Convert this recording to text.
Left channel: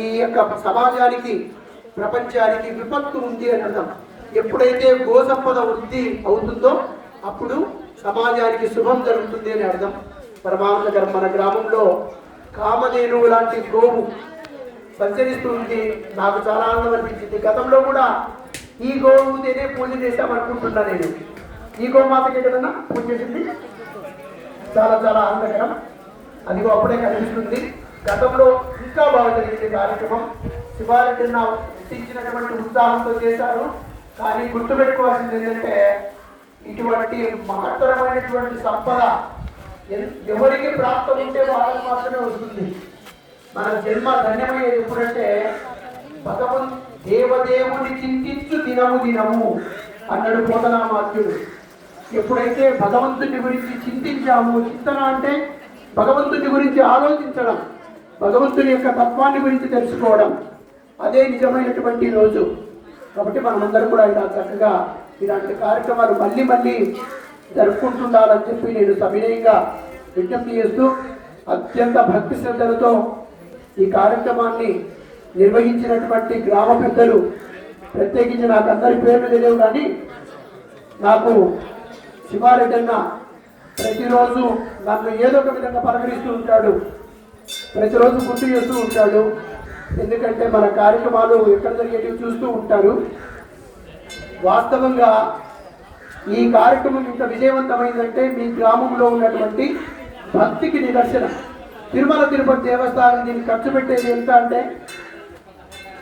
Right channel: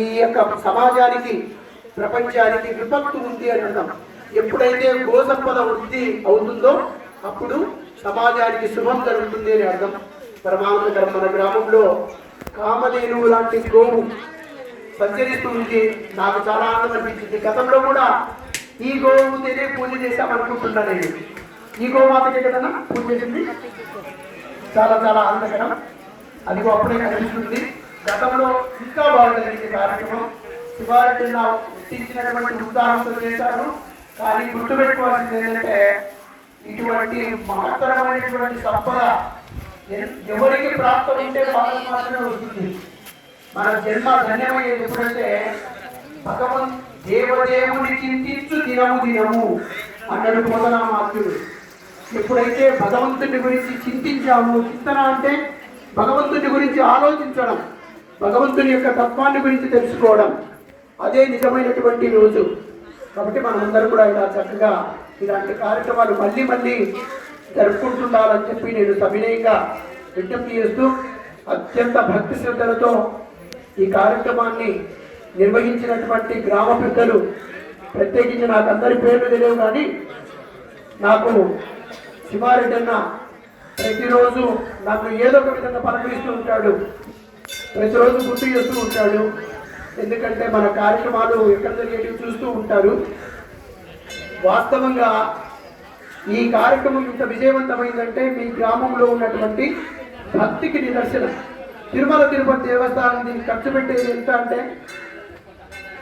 ఈ యొక్క సమాజానికి ప్రపంచానికి విపత్తు ఉంది అని అర్థం. ఎప్పుడైతే గోసంపద వృద్ధి అవుతుందో అప్పుడు సమాజానికి శుభం జరుగుతుంది అని అర్థం. పరమాత్మ గారు మన గ్రామంలో కామధేనువు లాంటి గోవు సంచరిస్తుంది. నాకు చాలా ఆనందం అనిపించింది. గతంలో కూడా ఈ గోవుతోనే పూజ చేశామనుకుంటున్నా నేను. ఈ గోమాతకి ఏదైనా పూజ చేసింది చాలా చాలా ఆనందకరం. అదిగో అప్పుడే కనిపిస్తుంది. గతంలో ఇంకా బాగా జరిగింది కార్యక్రమం. శివారెడ్డిని పుట్టించినటువంటి ఉత్సాహంతో చేశారు. కానీ గుర్తుపెట్టుకోవాల్సింది ఏంటంటే ఇటువంటి మహత్తరమైనటువంటి సంపద ఎవరికి ప్రాప్తం ఉంటే వాళ్ళకి మాత్రమే వస్తుంది. మన జన్మ ధన్యమయ్యేది ఎప్పుడంటే దేవదేవుని చింతించు దినము దినము అన్నాడు పోతనామాత్యుడు. ఎప్పుడైతే భగవంతుని గురించి చింతించాము, చింతన అంటే భగవంతుని గురించి ఆలోచించడం, భగవంతుని యొక్క తత్వాన్ని గురించి తెలుసుకోవడం, అదే నిజమైనటువంటి రోజు. కాబట్టి మనమందరం కూడా ఇలా చక్కగా ఇలాంటి కార్యక్రమాలు మళ్ళీ మళ్ళీ జరుపుకుంటుండాలని చెప్పి నేను సవినయంగా విజ్ఞప్తి చేస్తూ అత్యంత భక్తి శ్రద్ధలతో ఈ కార్యక్రమాన్ని నిర్వహించినటువంటి గ్రామ పెద్దలు, ప్రత్యేకించి నాకు అందరి పేర్లు తెలియవు కానీ నాకు శివారెడ్డి అన్న ప్రతిరోజు నన్ను ఏదో ఒక విధంగా పలకరిస్తూ ఉంటాడు, ప్రతిరోజు గుర్తు చేస్తూ ఉంటాడు. ఎందుకంటే మన కార్యక్రమాలు ఎక్కడ జరిగేటివి చూస్తూ ఉంటారు. వాస్తవంగా ఈ కార్యక్రమం ఇంత విజయవంతమైందంటే మీ గ్రామంలో ఉన్నటువంటి భక్తికి నిదర్శనం. తిరుమల తిరుపతి దేవస్థానం దీనికి ఖర్చు పెట్టేది ఎంత అంటే